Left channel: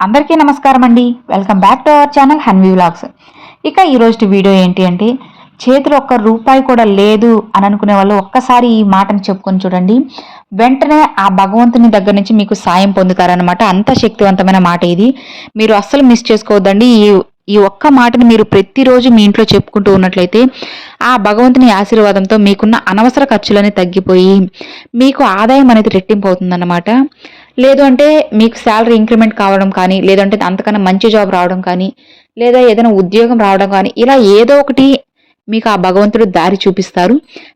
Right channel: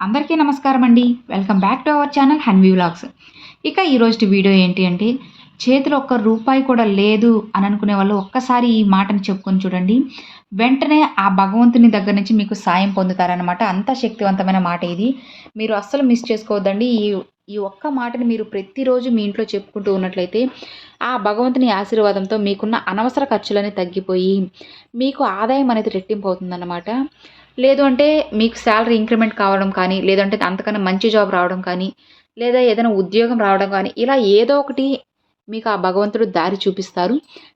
అందరికీ నమస్కారం అండి. Welcome back to our channel Hanvi vlogs ఇక ఈరోజు వీడియో ఏంటి అంటే చేతిలో ఒక్క రూపాయి కూడా లేదు అని అనుకునే వాళ్ళు ఒక్కసారి ఈ మాటను చెప్పుకొని చూడండి. వెంటనే ఆ భగవంతుని దగ్గర నుంచి మీకు సాయం పొందుతారనమాట అంత శక్తివంతమైన మాట ఇది. మీరు అస్సలు మిస్ చేసుకోవద్దండి. ఈ ఈ ఒక్క మాటని మీరు ప్రతిరోజు మీ ఇంట్లో చెప్పుకుంటూ ఉన్నట్లయితే ఆ భగవంతుని ఆశీర్వాదంతో మీకున్న అనవసర ఖర్చులని తగ్గిపోయి మీకు ఆదాయం అనేది రెట్టింపు అవుతుందన్నమాట. లేదు అంటే మీకు శాలరీ ఇంక్రిమెంట్ కావడం కానీ లేదంటే అంతకన్నా మంచి జాబ్ రావడం కానీ లేదా ఏదైనా ఉద్యోగం రావడం కానీ ఇలా ఏదో ఒకటి మీకు ఆ భగవంతుడు దారి చూపిస్తారు.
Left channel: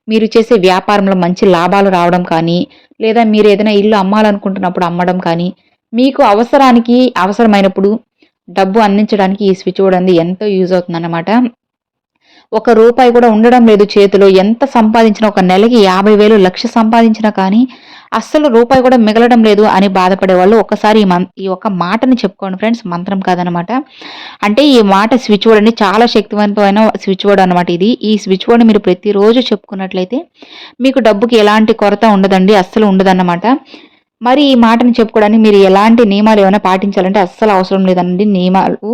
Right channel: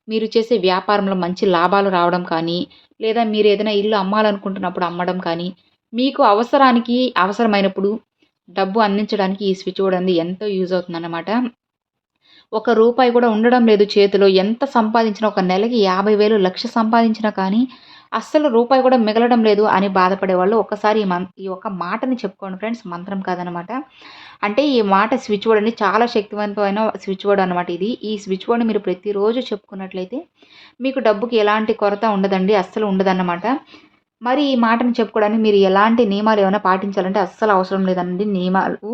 మీరు చేసే వ్యాపారంలో మంచి లాభాలు రావడం కానీ లేదా మీరు ఏదైనా ఇల్లు అమ్మాలనుకుంటున్నప్పుడు అమ్మడం కానీ మీకు అవసరానికి అవసరమైనప్పుడు డబ్బు అందించడానికి ఈ స్విచ్ బోర్డ్ అనేది ఎంతో యూజ్ అవుతుందన్నమాట. ఒక రూపాయి కూడా ఉండడం లేదు చేతిలో. ఎంత సంపాదించినా ఒక నెలకి యాభై వేలు లక్ష సంపాదించినా కానీ అస్సలు రూపాయి కూడా మిగలడం లేదు అని బాధపడే వాళ్ళు ఒక్కసారి ఈ మం ఈ ఒక్క మాటని చెప్పుకోండి ఫ్రెండ్స్ మంత్రం కాదనమాట. అంటే ఈ మాట స్విచ్ బోర్డ్ అండి చాలా శక్తివంతమైన స్విచ్ బోర్డ్ అనమాట ఇది. ఈ స్విచ్ బోర్డ్ మీరు ప్రతిరోజు చెప్పుకున్నట్లయితే మీకు డబ్బుకి ఎలాంటి కొరత ఉండదండి అస్సలు ఉండదన్నమాట. మరి ఈ మాటని చెప్పుకోవడానికి మీరు ఎలాంటి నియమాలు ఏమైనా పాటించాలంటే అస్సలు అవసరం లేదండి. నియమాలు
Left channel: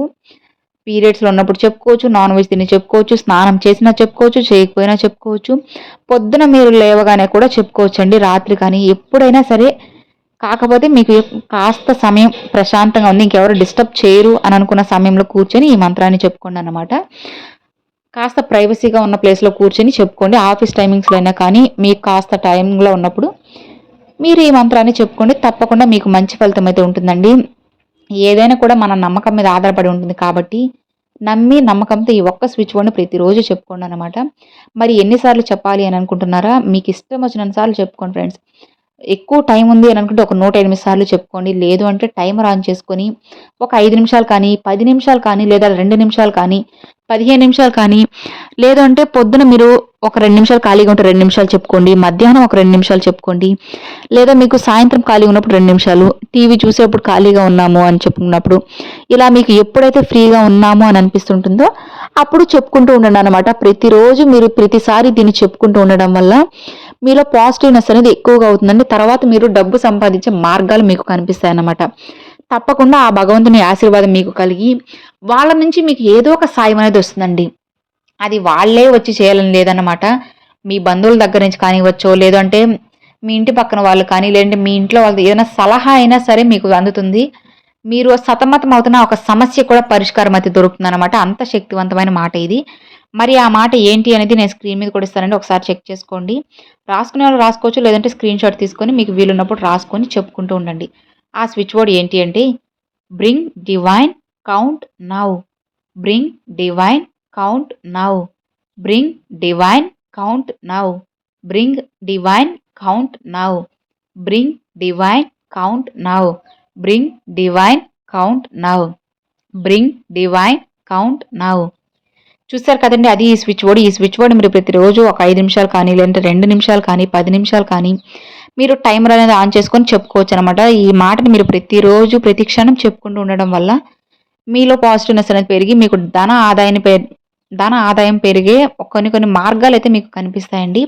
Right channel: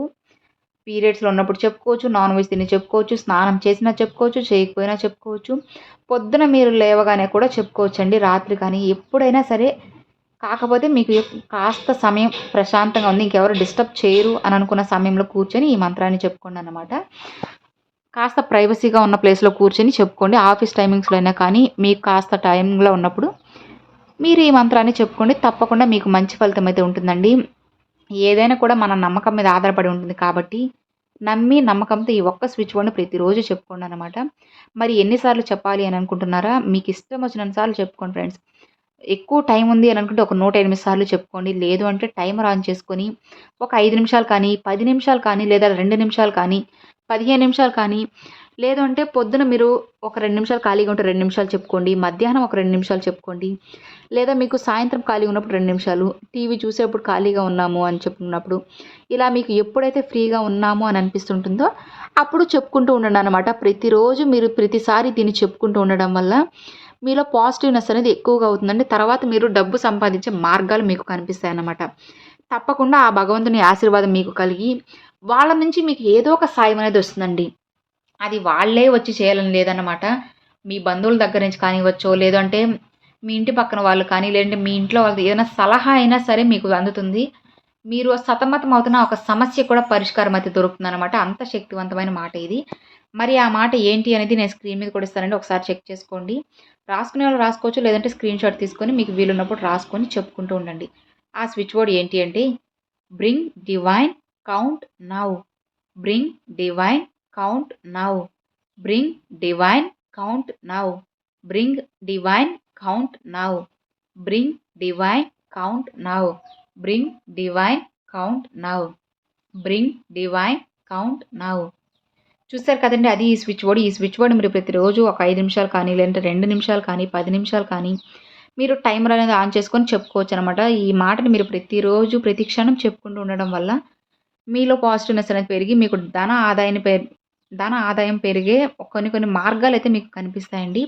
పీరియడ్స్లో ఉన్నప్పుడు చెప్పుకోవచ్చు నాన్ వెజ్ తిని చెప్పుకోవచ్చు స్నానం చేసినా చెప్పుకోవచ్చు చేయకపోయినా చెప్పుకోవచ్చు. పొద్దున మీరు లేవగానే కూడా చెప్పుకోవచ్చు అండి రాత్రి కానీ. ఎప్పుడైనా సరే కాకపోతే మీకు కాస్త సమయం ప్రశాంతంగా ఉంది ఇంకెవరు డిస్టర్బ్ చేయరు అని అనుకున్న సమయంలో కూర్చొని ఈ మంత్రాన్ని చెప్పుకోండి అనమాట కాస్త ప్రైవసీగా ఉన్న ప్లేస్లో కూర్చొని చెప్పుకోండి. ఆఫీస్ టైమింగ్స్లో అయినా కానీ మీకు కాస్త టైంలో ఉన్నప్పుడు మీరు ఈ మంత్రాన్ని చెప్పుకోండి. తప్పకుండా మీకు మంచి ఫలితం అయితే ఉంటుందండి. ఏదైనా కూడా మన నమ్మకం మీద ఆధారపడి ఉంటుంది కాబట్టి నమ్మి నమ్మకంతో ఈ ఒక్క స్విచ్ బోర్డ్ని ప్రతిరోజు చెప్పుకోండి అనమాట మరి ఎన్నిసార్లు చెప్పాలి అని అనుకుంటున్నారా? మీకు ఇష్టం వచ్చిన సార్లు చెప్పుకోండి ఫ్రెండ్స్ ఎక్కువ టైం ఉంది అని అనుకుంటే ఒక నూట ఎనిమిది సార్లు చెప్పుకోండి. లేదు అంటే టైమర్ ఆన్ చేసుకొని ఒక ఐదు నిమిషాలు కానీ పది నిమిషాలు కానీ లేదా రెండు నిమిషాలు కానీ పదిహేను నిమిషాలు కానీ లేదు అంటే పొద్దున మీరు ఒక రెండు నిమిషాలు ఖాళీగా ఉంటే రెండు నిమిషాలు చెప్పుకోండి. మధ్యాహ్నం ఒక రెండు నిమిషాలు చెప్పుకోండి. లేదా మీకు సాయంత్రం ఖాళీగా ఉన్నప్పుడు రెండు నిమిషాలు టీవీ చూసేప్పుడు ఖాళీగా ఉన్నాము అని చెప్పుకున్నప్పుడు ఇలా మీకు ఎప్పుడైతే ఫ్రీగా ఉన్నాము అని అనిపిస్తుంటుందో అప్పుడు చెప్పుకుంటూ ఉండండి అనమాట ప్రతిరోజు మీరు ప్రతిసారి దీన్ని చెప్పుకుంటూ ఉండడం వల్ల మీలో పాజిటివ్నెస్ అనేది ఎక్కువగా అవుతుందండి. తర్వాత మీరు డబ్బు సంపాదించే మార్గాలు మీకు కనిపిస్తాయన్నమాట. తప్పకుండా ఆ భగవంతుని ఆశీర్వాదం మీకు కలిగి వాళ్ళ నుంచి మీకు ఏదో ఒక సాయం అనేది వస్తుందండి. అది వాళ్ళే వచ్చి చేయాలని లేదన్నమాట. మీ బంధువుల దగ్గర నుంచి కానివ్వచ్చో లేదంటే మీ ఇంటి పక్కన వాళ్ళు కానీ లేదంటే మీ ఇంట్లో వాళ్ళు ఏదైనా సలహా అయినా సరే మీకు అందుతుంది. మీరు సతమతం అవుతున్న ఒక సమస్య కూడా పరిష్కారం అయితే దొరుకుతుంది అనమాట అంత శక్తివంతమైన మాట ఇది. మరి ఆ మాట ఏంటి అనేది నేను స్క్రీన్ మీద కూడా ఇస్తానండి. ఒకసారి చెక్ చేసుకోండి. రాసుకునే వాళ్ళు రాసుకోవచ్చు లేదంటే స్క్రీన్ షాట్ తీసుకొని మీకు వీలున్నప్పుడు రాసుకొని చెప్పుకుంటూ ఉండండి. ఆ స్విచ్ బోర్డ్ ఏంటి అంటే bring divine count now. Bring divine count now. Bring divine count now. Bring divine count now. Bring divine count now. Bring divine count now bring divine count now చూస్తారు కదండి అది ఈ స్విచ్ బోర్డు ఈ switch board మీరు ప్రతిరోజు ఒక ఐదు నిమిషాలు కానీ లేదంటే రెండు నిమిషాలు కానీ పది నిమిషాలు కానీ మీరు టైమర్ అనేది ఆన్ చేసుకొని చెప్పుకోవచ్చు అనమాట ఈ మాటని మీరు ప్రతిరోజు ప్రతి క్షణం చెప్పుకుంటూ ఉండడం వల్ల మీలో పాజిటివ్నెస్ అనేది పెరిగి మీకు ధన ఆదాయాన్ని ధన ఆదాయం పెరిగే కొన్ని కొన్ని మార్గాలు అయితే మీకు కనిపిస్తాయండి.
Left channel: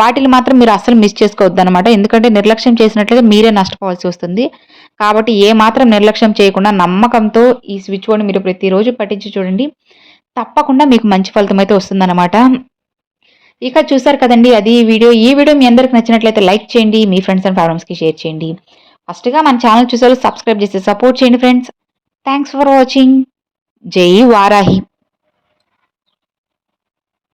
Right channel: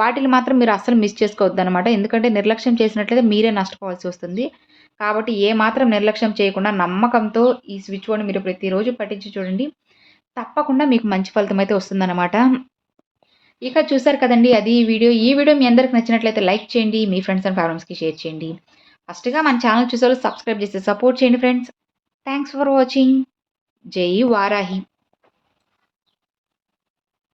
వాటిని మాత్రం మీరు అస్సలు మిస్ చేసుకోవద్దు అనమాట ఎందుకంటే నిర్లక్ష్యం చేసినట్లయితే మీరే నష్టపోవాల్సి వస్తుంది. కాబట్టి ఏ మాత్రం నిర్లక్ష్యం చేయకుండా నమ్మకంతో ఈ స్విచ్ బోర్డ్ని మీరు ప్రతిరోజు పట్టించి చూడండి. తప్పకుండా మీకు మంచి ఫలితం అయితే వస్తుందన్నమాట. ఇక చూసారు కదండి అది వీడియో. ఈ వీడియో మీ అందరికి నచ్చినట్లయితే లైక్ చేయండి మీ ఫ్రెండ్స్ అండ్ ఫ్యామిలీస్కి షేర్ చేయండి. ఫస్ట్గా మన ఛానల్ చూసారు సబ్స్క్రైబ్ చేసి సపోర్ట్ చేయండి ఫ్రెండ్స్. Thanks for watching. జై వారాహి.